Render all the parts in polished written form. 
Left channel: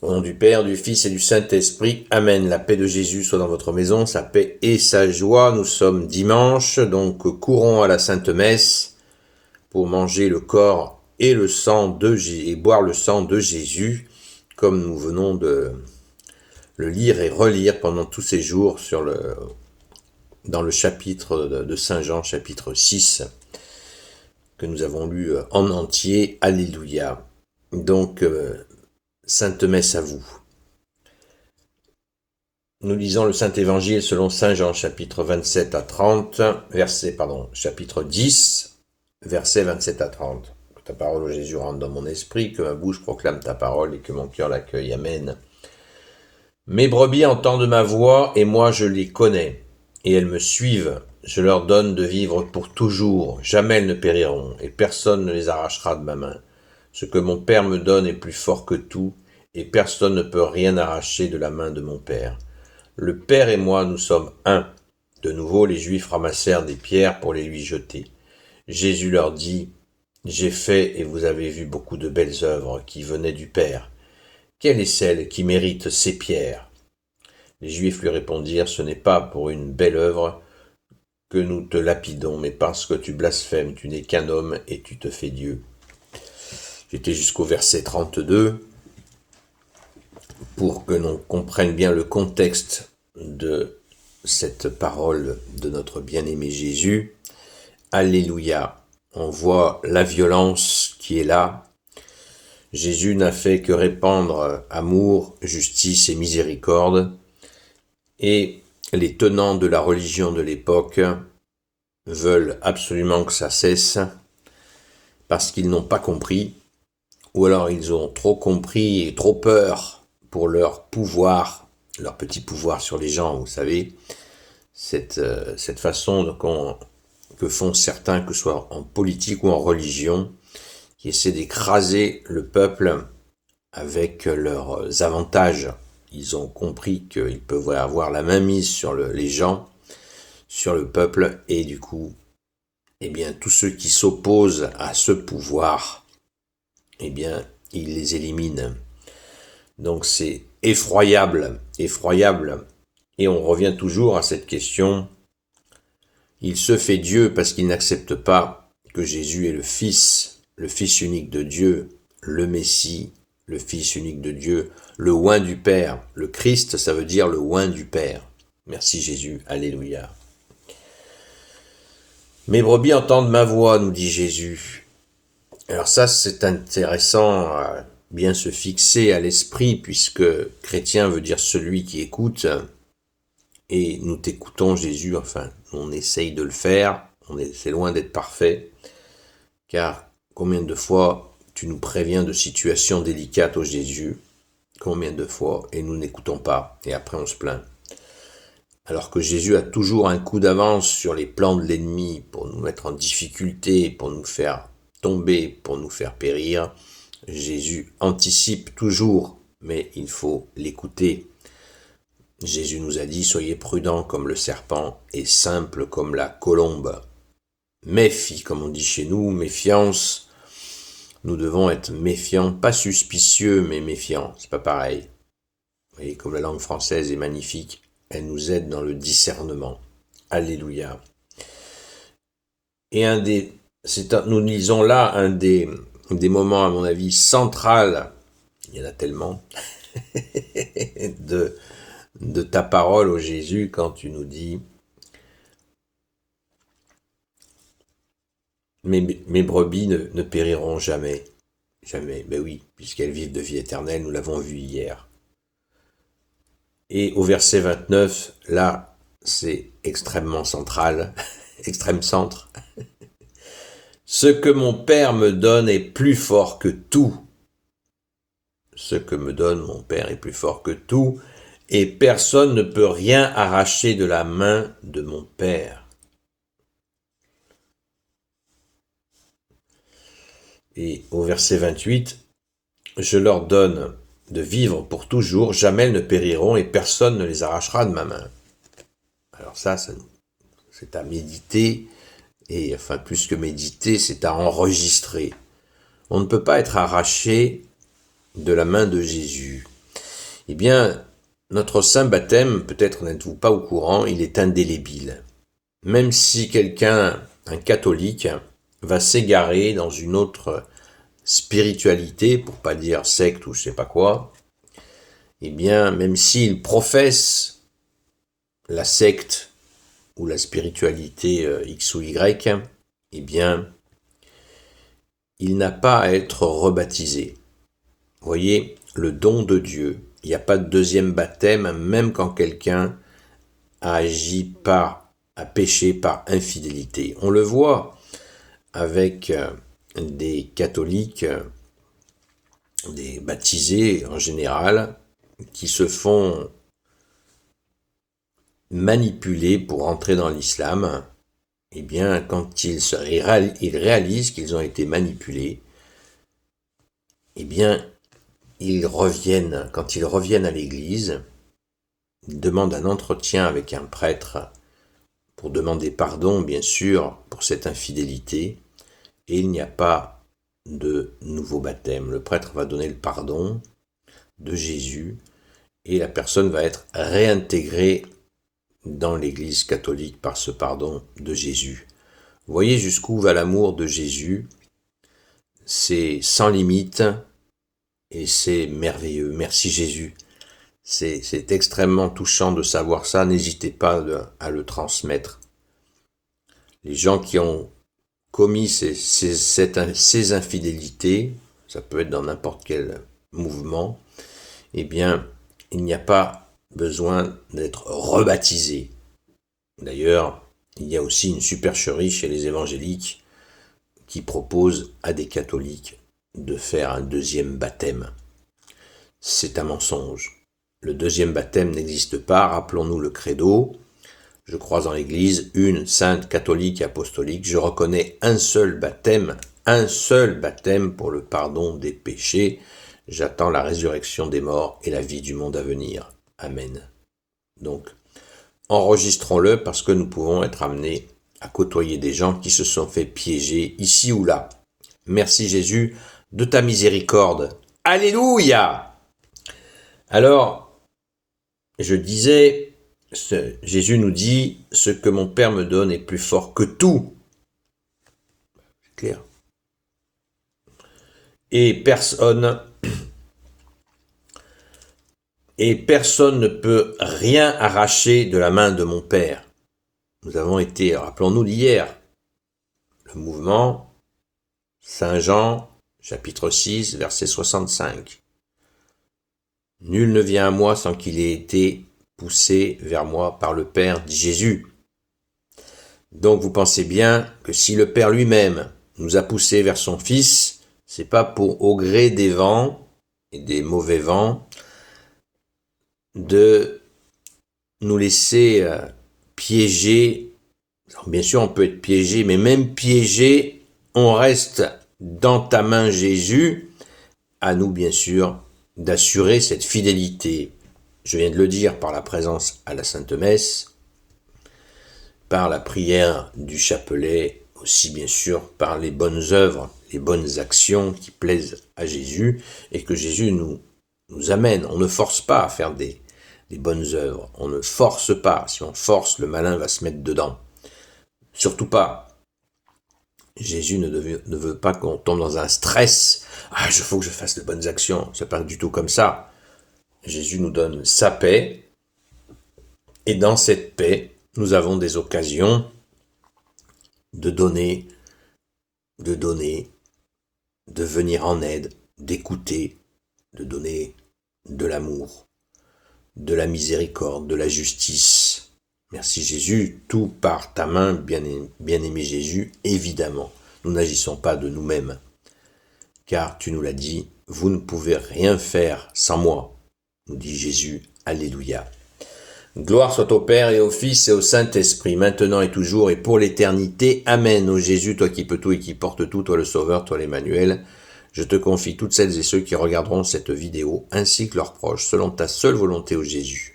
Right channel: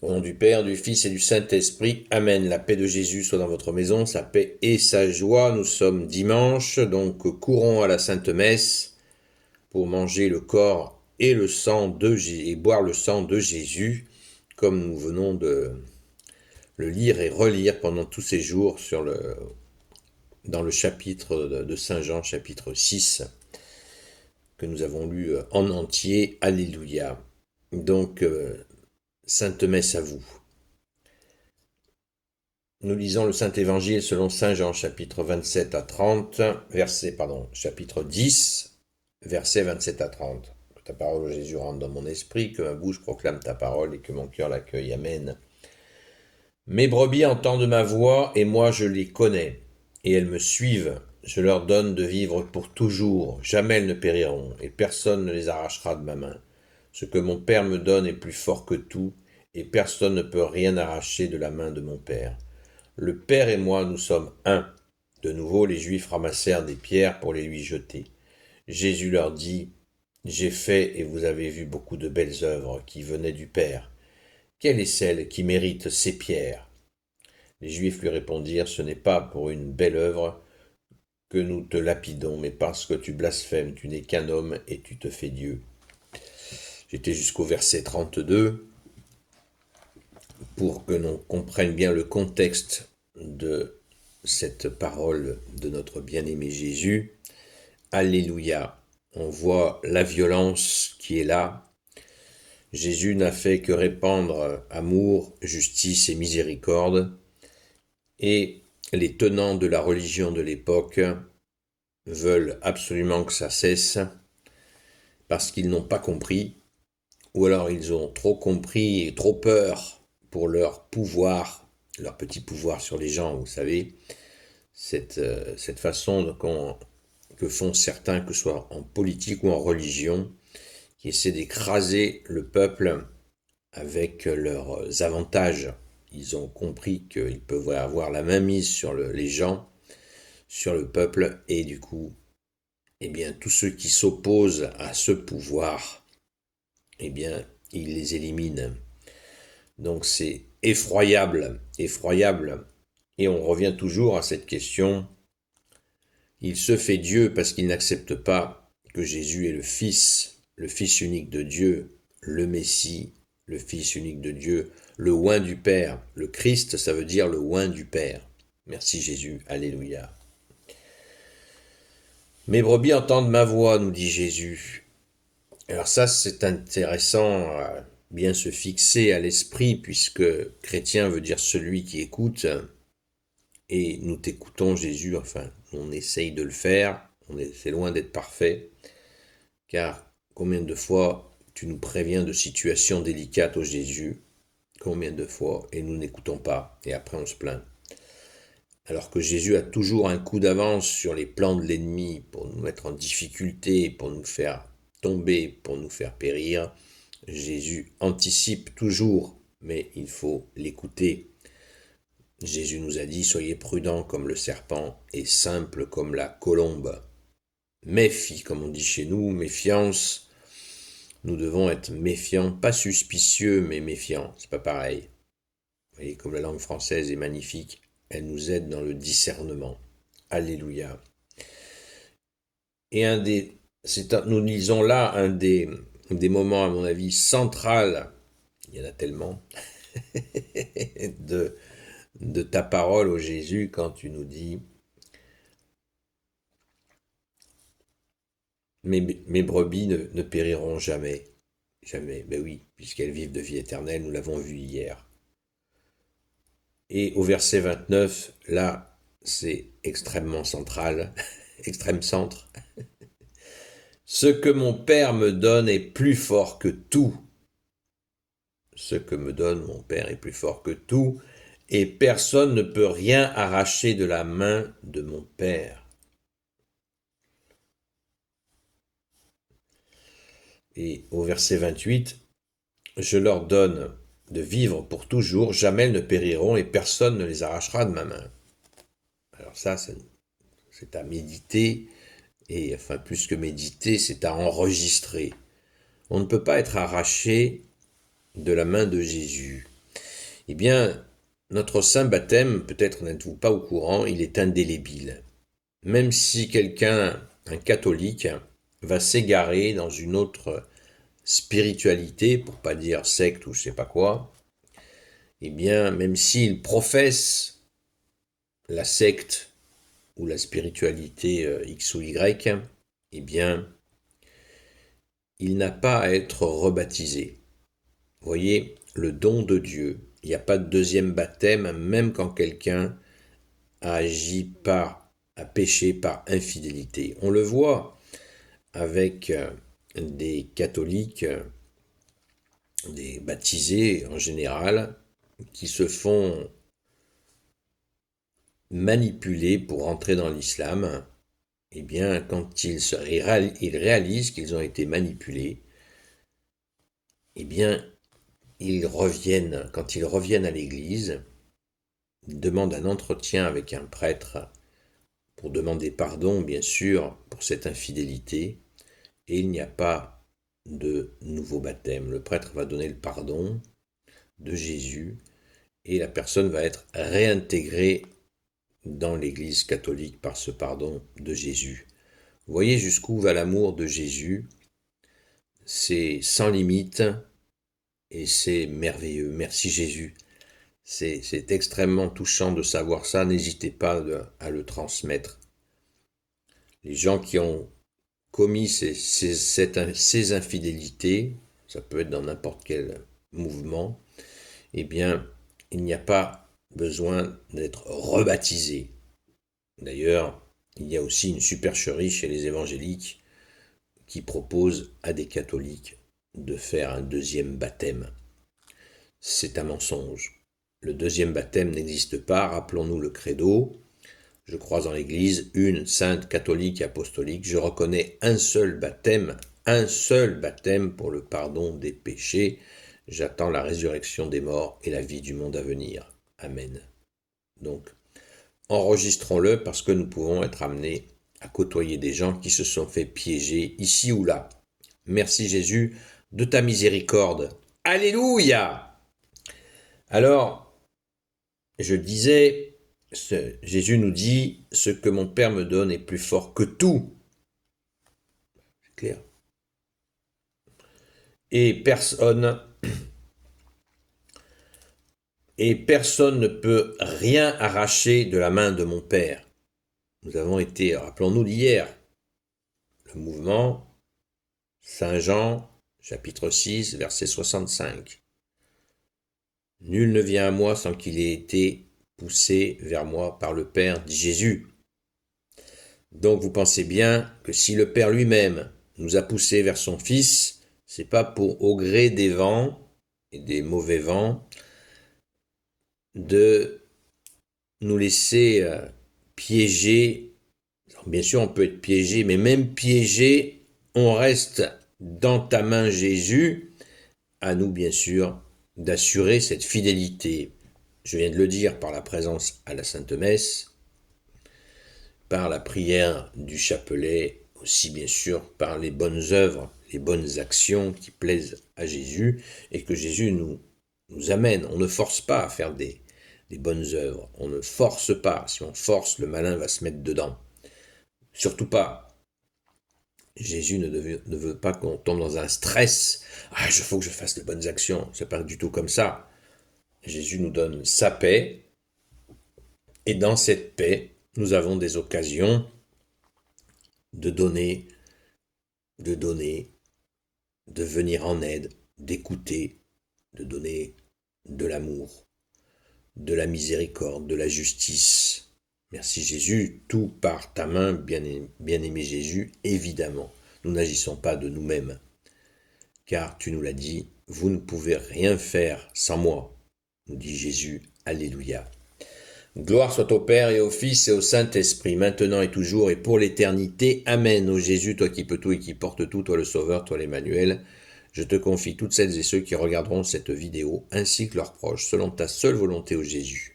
Au nom du Père, du Fils et du Saint-Esprit. Amen. La paix de Jésus soit dans votre maison, sa paix et sa joie. Nous sommes dimanche, donc courons à la Sainte Messe pour manger le corps et le sang de Jésus et boire le sang de Jésus, comme nous venons de le lire et relire pendant tous ces jours dans le chapitre de Saint Jean, chapitre 6, que nous avons lu en entier. Alléluia. Donc, Sainte Messe à vous. Nous lisons le Saint-Évangile selon Saint Jean, chapitre 27 à 30, chapitre 10, versets 27 à 30. Que ta parole, ô Jésus, rentre dans mon esprit, que ma bouche proclame ta parole et que mon cœur l'accueille. Amen. Mes brebis entendent ma voix et moi je les connais, et elles me suivent. Je leur donne de vivre pour toujours, jamais elles ne périront, et personne ne les arrachera de ma main. Ce que mon Père me donne est plus fort que tout, et personne ne peut rien arracher de la main de mon Père. Le Père et moi, nous sommes un. De nouveau, les Juifs ramassèrent des pierres pour les lui jeter. Jésus leur dit, « J'ai fait et vous avez vu beaucoup de belles œuvres qui venaient du Père. Quelle est celle qui mérite ces pierres ?» Les Juifs lui répondirent, « Ce n'est pas pour une belle œuvre que nous te lapidons, mais parce que tu blasphèmes, tu n'es qu'un homme et tu te fais Dieu. » J'étais jusqu'au verset 32 pour que l'on comprenne bien le contexte de cette parole de notre bien-aimé Jésus. Alléluia. On voit la violence qui est là. Jésus n'a fait que répandre amour, justice et miséricorde. Et les tenants de la religion de l'époque veulent absolument que ça cesse parce qu'ils n'ont pas compris, ou alors ils ont trop compris et trop peur pour leur pouvoir, leur petit pouvoir sur les gens, vous savez, cette façon que font certains, que ce soit en politique ou en religion, qui essaient d'écraser le peuple avec leurs avantages. Ils ont compris qu'ils peuvent avoir la main mise sur les gens, sur le peuple, et du coup, eh bien, tous ceux qui s'opposent à ce pouvoir, eh bien, ils les éliminent. Donc c'est effroyable, effroyable. Et on revient toujours à cette question. Il se fait Dieu parce qu'il n'accepte pas que Jésus est le Fils unique de Dieu, le Messie, le Fils unique de Dieu, le oint du Père. Le Christ, ça veut dire le oint du Père. Merci Jésus, alléluia. Mes brebis entendent ma voix, nous dit Jésus. Alors ça, c'est intéressant à bien se fixer à l'esprit, puisque chrétien veut dire celui qui écoute, et nous t'écoutons Jésus, enfin, on essaye de le faire, c'est loin d'être parfait, car combien de fois tu nous préviens de situations délicates, ô Jésus, combien de fois, et nous n'écoutons pas, et après on se plaint. Alors que Jésus a toujours un coup d'avance sur les plans de l'ennemi pour nous mettre en difficulté, pour nous faire tomber, pour nous faire périr, Jésus anticipe toujours, mais il faut l'écouter. Jésus nous a dit, soyez prudents comme le serpent et simples comme la colombe. Méfie, comme on dit chez nous, méfiance. Nous devons être méfiants, pas suspicieux, mais méfiants. C'est pas pareil. Vous voyez, comme la langue française est magnifique, elle nous aide dans le discernement. Alléluia. Et nous lisons là un des moments, à mon avis, central, il y en a tellement, de ta parole, ô Jésus, quand tu nous dis mes brebis ne périront jamais. Jamais. Ben oui, puisqu'elles vivent de vie éternelle, nous l'avons vu hier. Et au verset 29, là, c'est extrêmement central, extrême centre. Ce que mon Père me donne est plus fort que tout. Ce que me donne mon Père est plus fort que tout, et personne ne peut rien arracher de la main de mon Père. Et au verset 28, je leur donne de vivre pour toujours, jamais elles ne périront et personne ne les arrachera de ma main. Alors ça, c'est à méditer, et enfin plus que méditer, c'est à enregistrer. On ne peut pas être arraché de la main de Jésus. Eh bien, notre saint baptême, peut-être n'êtes-vous pas au courant, il est indélébile. Même si quelqu'un, un catholique, va s'égarer dans une autre spiritualité, pour pas dire secte ou je sais pas quoi, eh bien, même s'il professe la secte ou la spiritualité X ou Y, eh bien, il n'a pas à être rebaptisé. Vous voyez, le don de Dieu, il n'y a pas de deuxième baptême, même quand quelqu'un a agi a péché par infidélité. On le voit avec des catholiques, des baptisés en général, qui se font manipuler pour entrer dans l'islam. Eh bien, quand ils réalisent qu'ils ont été manipulés, eh bien, quand ils reviennent à l'église, ils demandent un entretien avec un prêtre pour demander pardon, bien sûr, pour cette infidélité, et il n'y a pas de nouveau baptême. Le prêtre va donner le pardon de Jésus, et la personne va être réintégrée dans l'Église catholique par ce pardon de Jésus. Vous voyez jusqu'où va l'amour de Jésus. C'est sans limite et c'est merveilleux. Merci Jésus. C'est extrêmement touchant de savoir ça. N'hésitez pas à le transmettre. Les gens qui ont commis ces infidélités, ça peut être dans n'importe quel mouvement, eh bien, il n'y a pas besoin d'être rebaptisé. D'ailleurs, il y a aussi une supercherie chez les évangéliques qui propose à des catholiques de faire un deuxième baptême. C'est un mensonge. Le deuxième baptême n'existe pas, rappelons-nous le credo. Je crois en l'Église, une, sainte, catholique et apostolique. Je reconnais un seul baptême pour le pardon des péchés. J'attends la résurrection des morts et la vie du monde à venir. Amen. Donc, enregistrons-le parce que nous pouvons être amenés à côtoyer des gens qui se sont fait piéger ici ou là. Merci Jésus de ta miséricorde. Alléluia! Alors, je disais, Jésus nous dit, ce que mon Père me donne est plus fort que tout. C'est clair. Et personne ne peut rien arracher de la main de mon Père. Nous avons été, rappelons-nous d'hier, le mouvement Saint Jean, chapitre 6, verset 65. Nul ne vient à moi sans qu'il ait été poussé vers moi par le Père, dit Jésus. Donc vous pensez bien que si le Père lui-même nous a poussés vers son Fils, c'est pas pour au gré des vents et des mauvais vents de nous laisser piéger. Alors, bien sûr, on peut être piégé, mais même piégé, on reste dans ta main, Jésus. À nous, bien sûr, d'assurer cette fidélité. Je viens de le dire par la présence à la Sainte Messe, par la prière du chapelet, aussi bien sûr par les bonnes œuvres, les bonnes actions qui plaisent à Jésus et que Jésus nous amène. On ne force pas à faire des bonnes œuvres. On ne force pas. Si on force, le malin va se mettre dedans. Surtout pas. Jésus ne veut pas qu'on tombe dans un stress. Ah, il faut que je fasse de bonnes actions. C'est pas du tout comme ça. Jésus nous donne sa paix. Et dans cette paix, nous avons des occasions de donner, de venir en aide, d'écouter, de donner de l'amour, de la miséricorde, de la justice. Merci Jésus, tout par ta main, bien-aimé Jésus, évidemment. Nous n'agissons pas de nous-mêmes, car tu nous l'as dit, vous ne pouvez rien faire sans moi, nous dit Jésus, alléluia. Gloire soit au Père et au Fils et au Saint-Esprit, maintenant et toujours et pour l'éternité. Amen. Ô Jésus, toi qui peux tout et qui portes tout, toi le Sauveur, toi l'Emmanuel, je te confie toutes celles et ceux qui regarderont cette vidéo, ainsi que leurs proches, selon ta seule volonté, ô Jésus.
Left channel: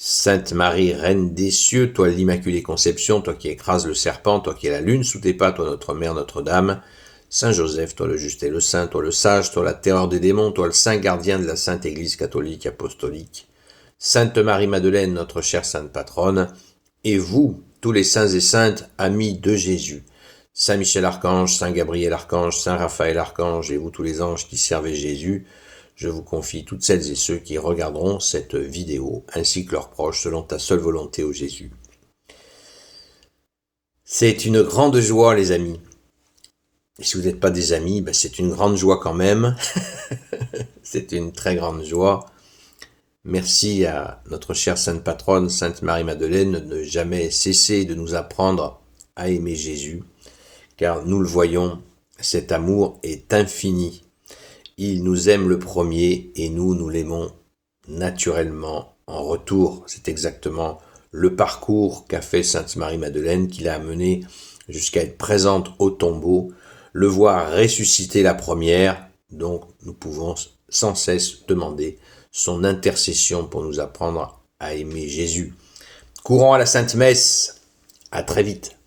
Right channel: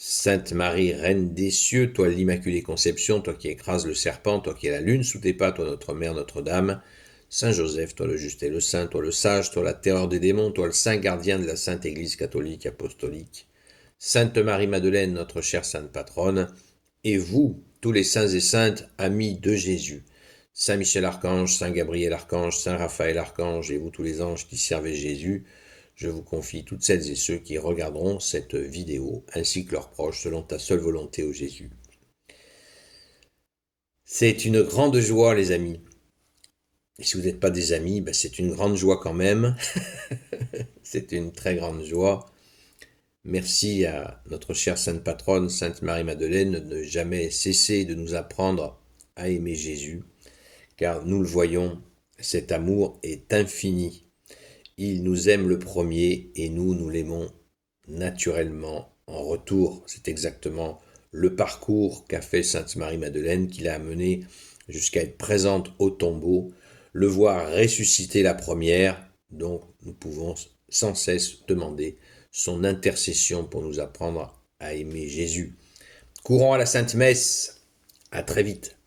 Sainte Marie, Reine des cieux, toi l'Immaculée Conception, toi qui écrases le serpent, toi qui es la lune sous tes pas, toi notre Mère Notre-Dame, Saint Joseph, toi le juste et le saint, toi le sage, toi la terreur des démons, toi le saint gardien de la Sainte Église catholique apostolique, Sainte Marie-Madeleine, notre chère sainte patronne, et vous, tous les saints et saintes, amis de Jésus, Saint Michel Archange, Saint Gabriel Archange, Saint Raphaël Archange, et vous tous les anges qui servez Jésus, je vous confie toutes celles et ceux qui regarderont cette vidéo, ainsi que leurs proches, selon ta seule volonté, ô Jésus. C'est une grande joie, les amis. Et si vous n'êtes pas des amis, c'est une grande joie quand même. C'est une très grande joie. Merci à notre chère sainte patronne, Sainte Marie-Madeleine, de ne jamais cesser de nous apprendre à aimer Jésus, car nous le voyons, cet amour est infini. Il nous aime le premier et nous l'aimons naturellement en retour. C'est exactement le parcours qu'a fait Sainte Marie-Madeleine, qui l'a amené jusqu'à être présente au tombeau, le voir ressusciter la première, donc nous pouvons sans cesse demander son intercession pour nous apprendre à aimer Jésus. Courons à la Sainte Messe, à très vite.